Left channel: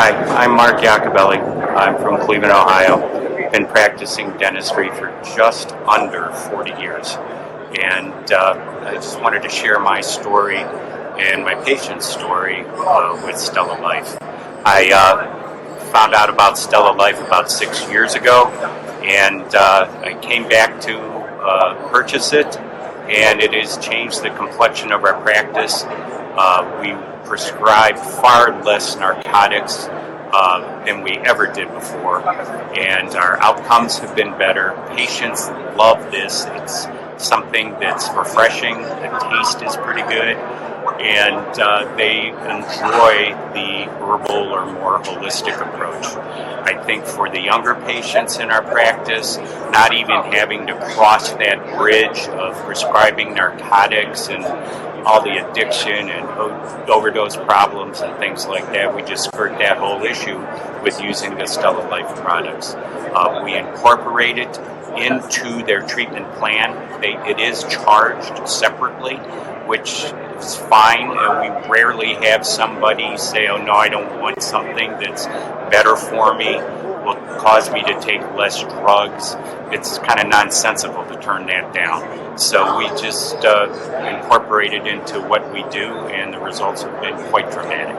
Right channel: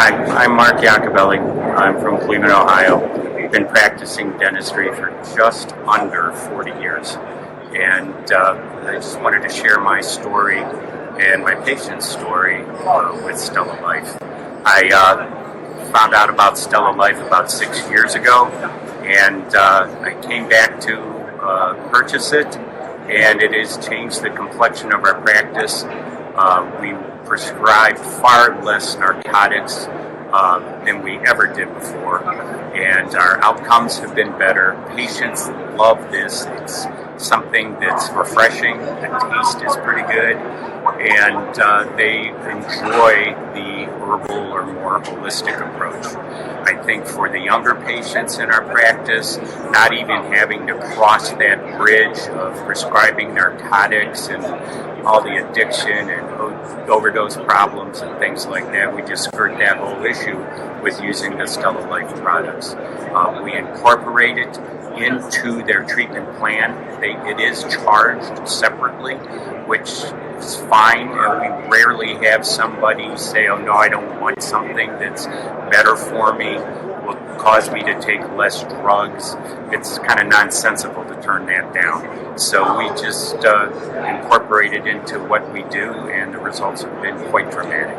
Hi, I'm Mark Iacobelli. I'm from Cleveland, Ohio. Been practicing dentistry for just under 40 years. And I just wanted to share my story and my patient's story with StellaLife. I found out about StellaLife about 6 years ago, and I came back to purchase it, and it has changed the complexion of our practice. We prescribe far less narcotics than we ever did before, and our outcomes have been better. Patients love this. It's something that's refreshing. The taste is pretty good, and they enjoy the herbal or more holistic approach. I think for the younger patients in our practice, not even having to cross that bridge of prescribing narcotics and all the addiction and overdose problems and things like that, we just skirt that whole issue with using the StellaLife products. We incorporate it into their treatment plan. It is charged separately, which is fine. We rarely have somebody say, oh no, I don't want something that's better for me, will cause me to take less drugs. It's kind of nonsensical to turn that down. So we just incorporate it into what we do, and the results have been quite dramatic.